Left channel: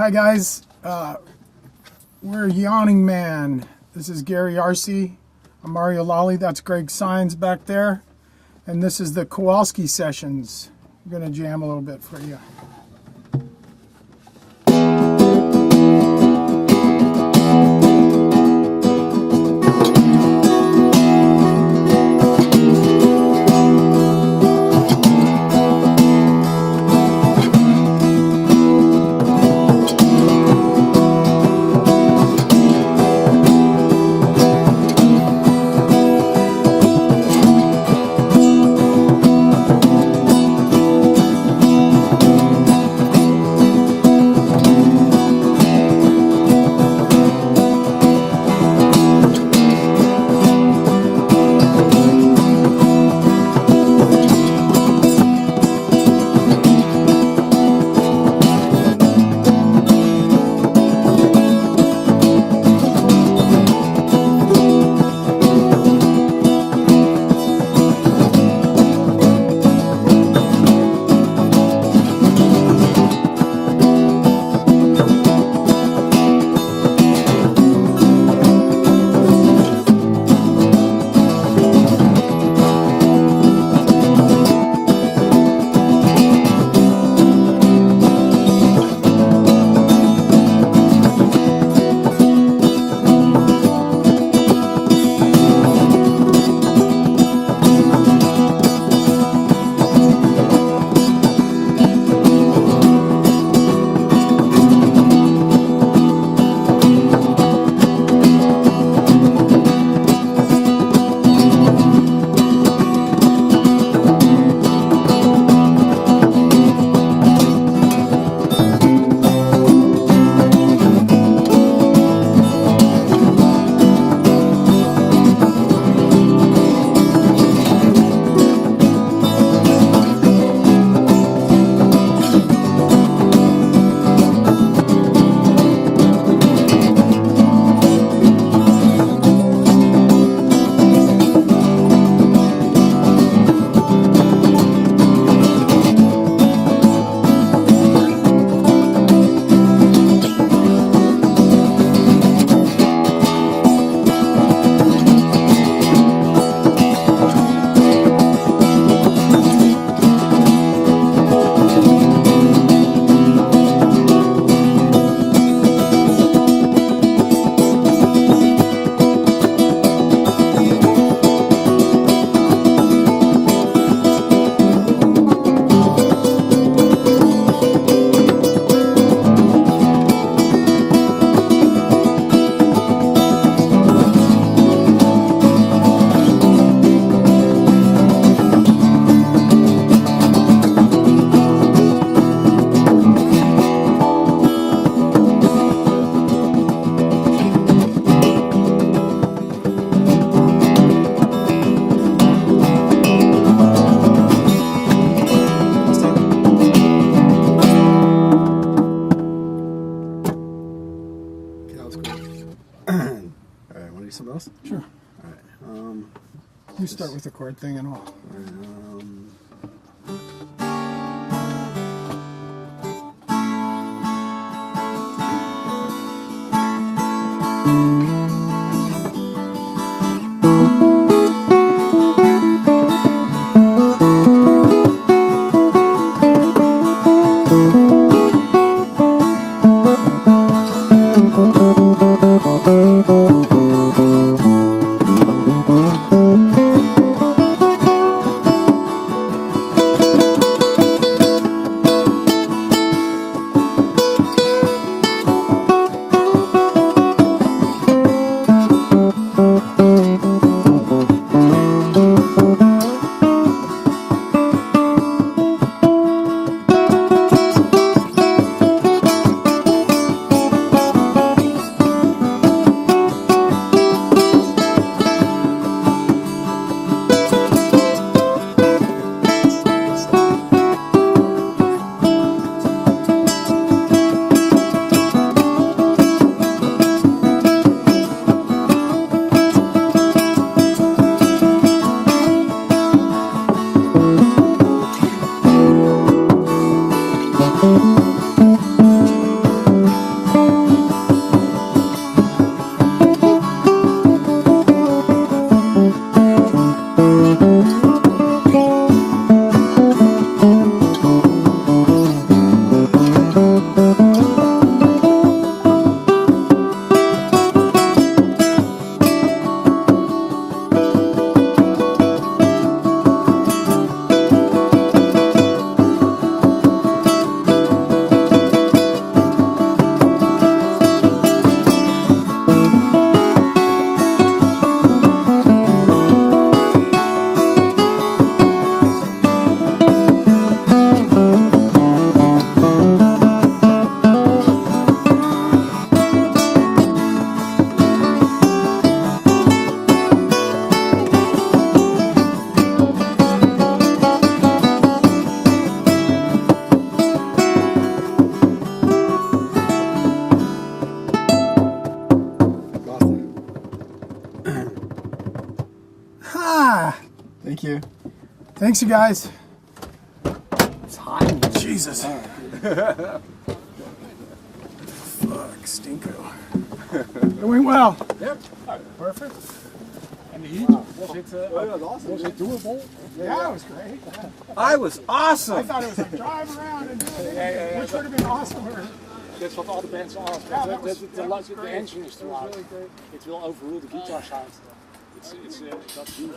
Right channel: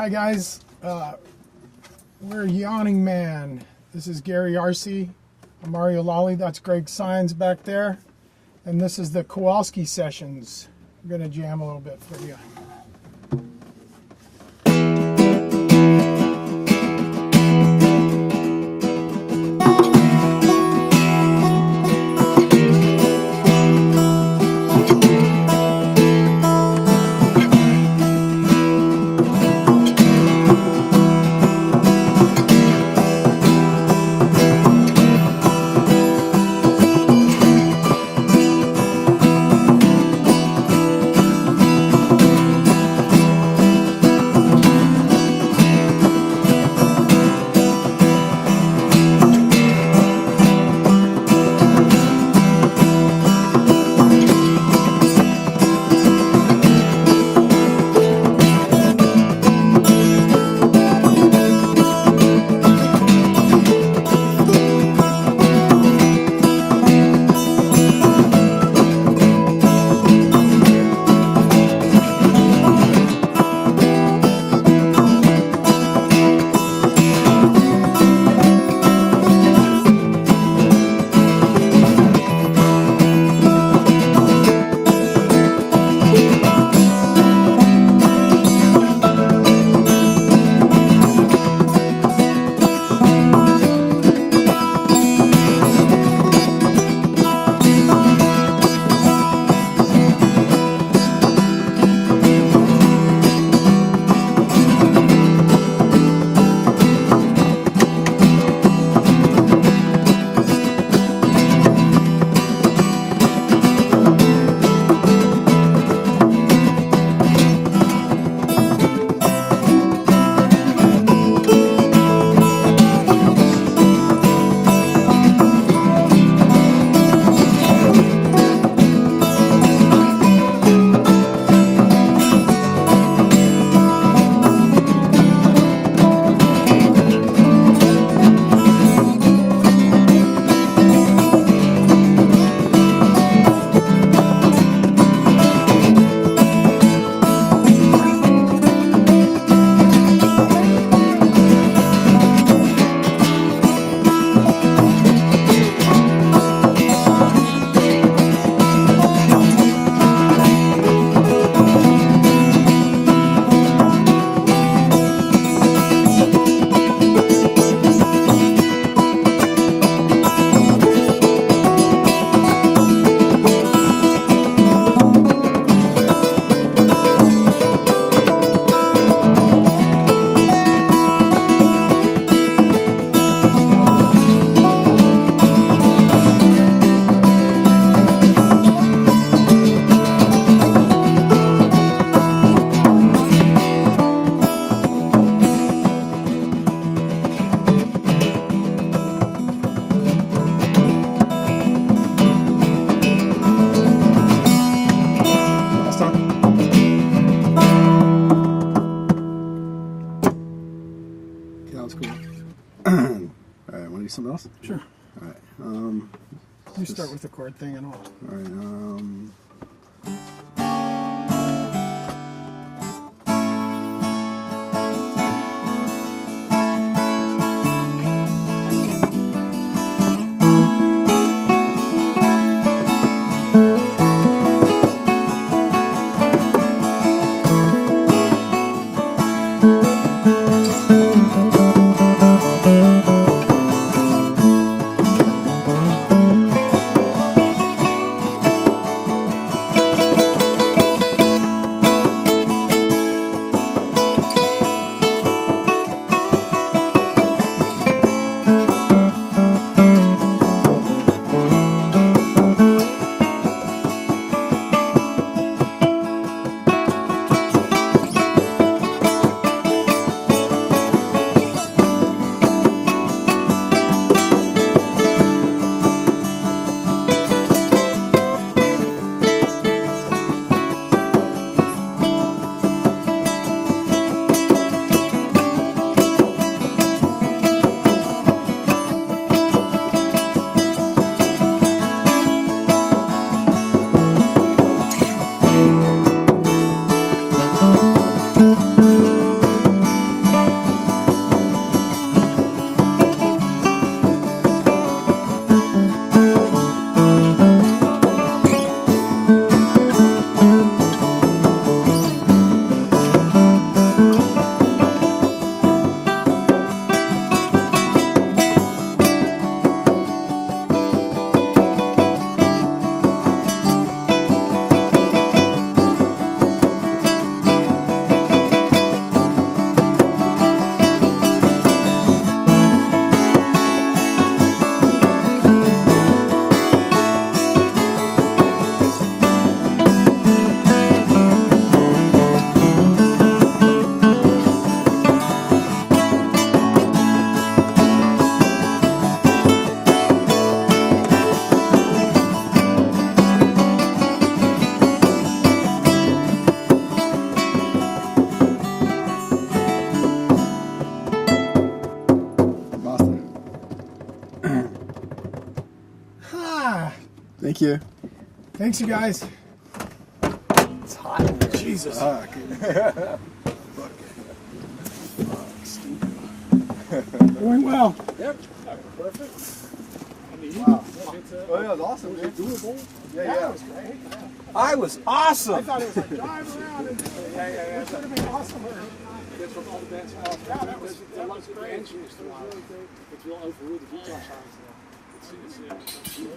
Hi guys, we're Yawning Man. This is Gary Arce. I'm Mario Lally. That's Greg Sines back there. And this is the Kowalski Sessions. I'm going to jam a little bit for you. Something else? Sure. Alright. You start with the chord thing and all. Thank you. Thanks, you guys. It's hot. Jesus. Fuck, stinko. Doing well. Yep. Perfect. And the heat? Wow. Was it, Oh, yeah, it was awesome. was it doable? Yeah, it was great. I was I awesome! thought it was like drive around and do it. Yeah. Which would have been awesome. That's what all the bands are. Yeah, that was The engine is too loud. It will overrule the guitar sound. It's a huge